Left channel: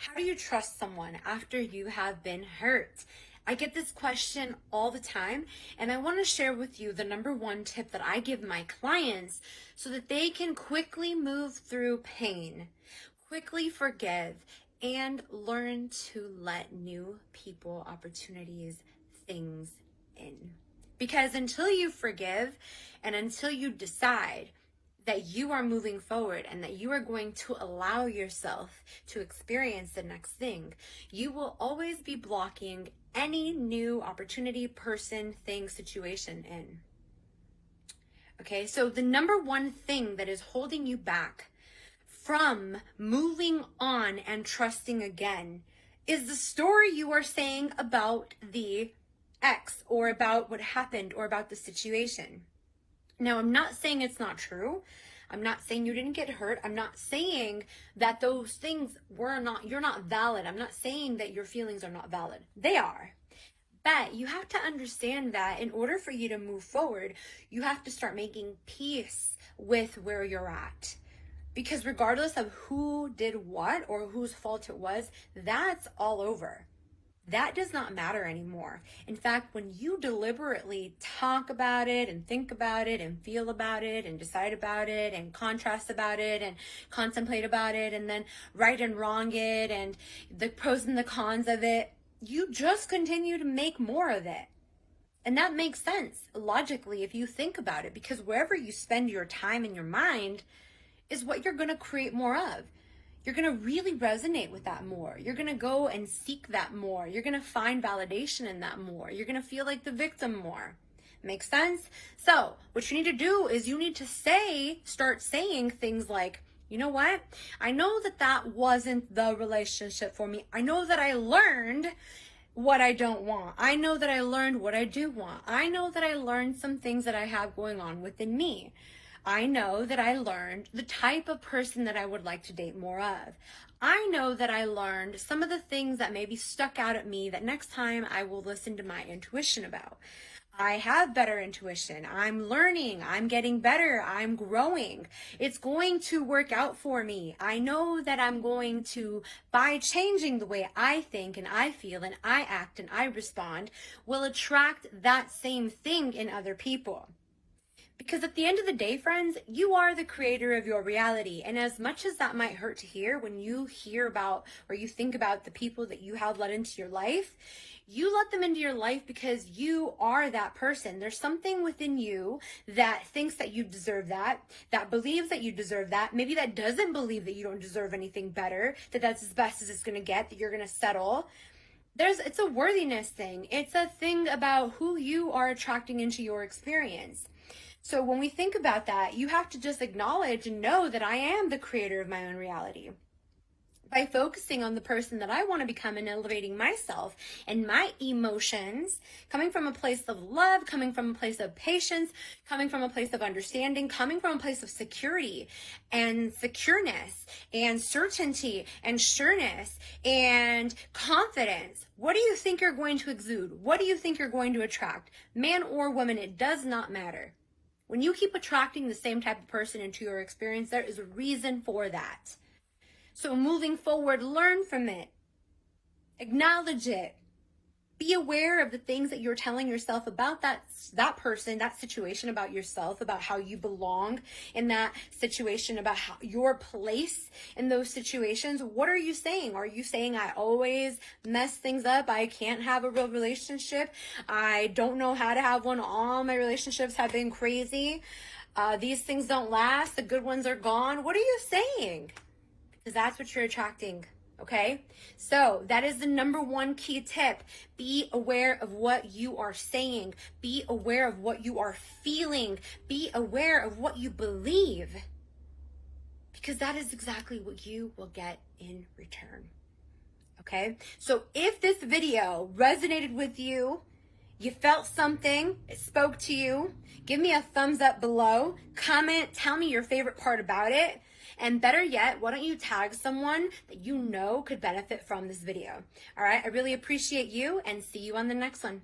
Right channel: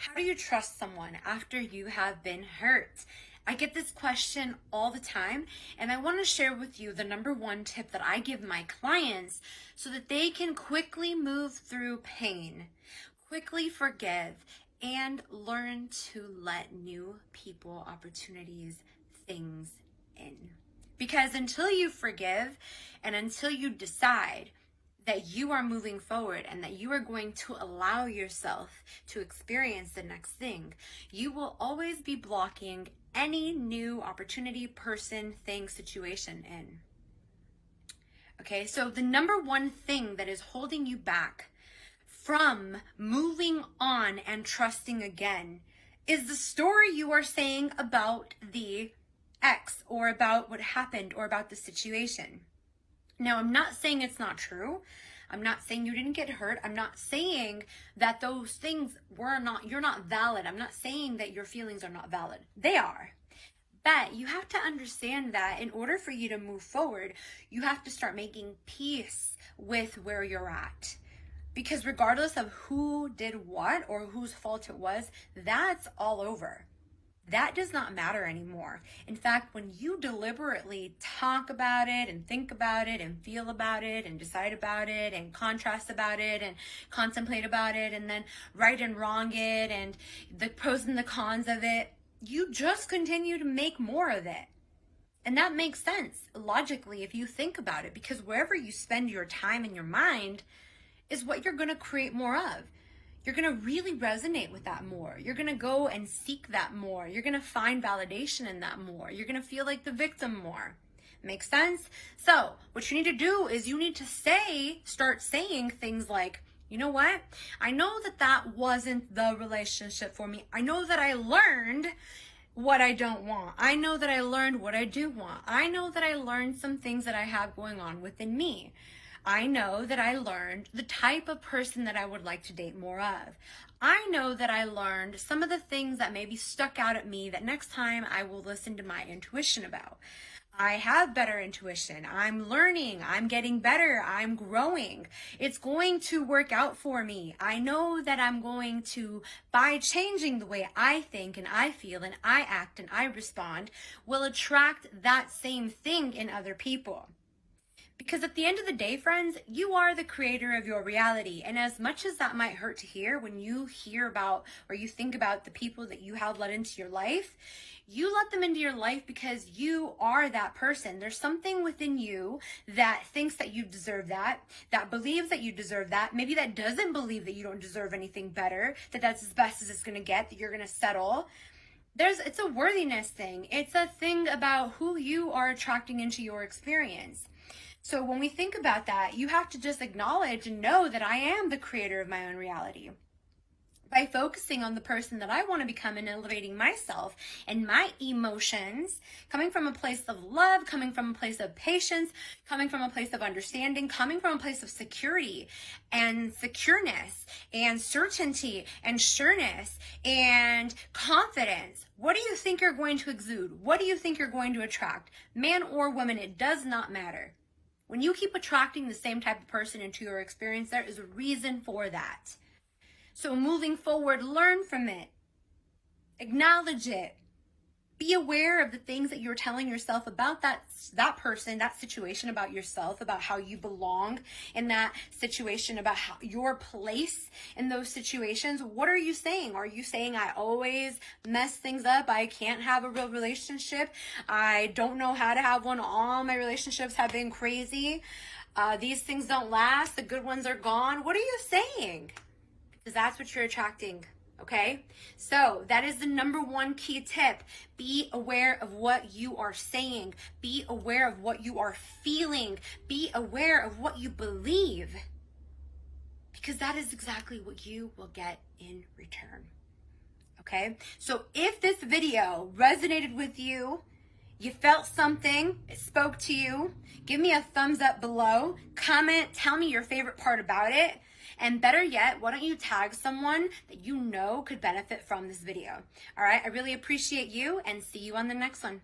How do you trust someone after you have been hurt? I get this question all the time, and I want to share with you the number one tip that I give my clients so that they can quickly move through pain, quickly forgive, and learn to let new people, opportunities, things in. Because until you forgive and until you decide that you are moving forward and that you are going to allow yourself to experience the next thing, you will always be blocking any new opportunity, person, thing, situation in. Okay, so the number one thing that is holding you back from moving on and trusting again is the story you are saying about the ex or about what happened or about the situation. Now, I'm not saying it's not true. I'm not saying you didn't get hurt. I'm not saying that those things you're not valid. I'm not saying that your feelings are not valid. They are. But you have to understand that in order for you to move forward, you have to start making peace with where you're at. Because regardless of who did what or whose fault it was, that's all over. That does not matter anymore. In fact, when you deliberately talk about it and think about it and feel about it and decide about it and contrast about it and contemplate about it and then right and wrong it and the pros and the cons of it, you just continue to make more of it. And that makes sense logically if you think about it, because wherever you spend your time and your mind is what you're going to create more of. You're going to really resonate with that more. You're going to go and seek that more. You're going to find validation in that more. You're going to feel like the victim more. Makes sense? So what you need to do is you need to start saying things like, you know what? I know that wasn't the relationship for me. I know that I learned what I don't want. I know that I learned what I do want. I know that I learned some things that I have going on within me. I know that I learned the type of person that I would like to date more of. I know that I learned some of the things that maybe stuck out at me that next time I will listen to my intuition about. I have better intuition. I'm learning. I'm getting better. I'm growing. It's going to work out for me. I know that I'm going to, by changing the way I think and I feel and I act and I respond, will attract that same thing in other people. Because at the end of the day, friends, you are the creator of your reality. And as much as that might hurt to hear when you hear about or you think about the people that you have let into your life, you let them into your life because you are that person. There's something within you that thinks that you deserve that believes that you deserve that, maybe that doesn't believe that you don't deserve anything better, that that's as best as it's going to get, that you're going to settle. It's a worthiness thing. It's a thing about who you are attracting into your experience. So when we think about that, you have to just acknowledge and know that I am the creator of my own reality. By focusing on the person that I want to become and elevating myself and my emotions, coming from a place of love, coming from a place of patience, coming from a place of understanding, coming from a place of security and secureness and certainty and sureness and confidence. What do you think you're going to exude? What do you think you're going to attract? Man or woman, it does not matter. When you keep attracting the same type of person into your experience, there is a reason for that. So moving forward, learn from it. Acknowledge it. Be aware of the things that you're telling yourself about that person, that situation, about yourself, about how you belong in that situation, about how your place in those situations. What are you saying? Are you saying, I always mess things up? I can't have a real relationship. I don't know how to have one. All my relationships have been crazy. These things don't last. The good ones are gone. What are you saying? Because that's what you're attracting. Okay, so that is the number one key tip. Be aware of what you are saying. Be aware of what you are feeling. Be aware of what you believe. Because that is exactly what you will get in return. Okay, so if this video resonated with you, you felt something, it spoke to you, give me a thumbs up below, comment, tell me your favorite part about it. And better yet, why don't you tag someone that you know could benefit from this video? All right, I really appreciate you and see you on the next one.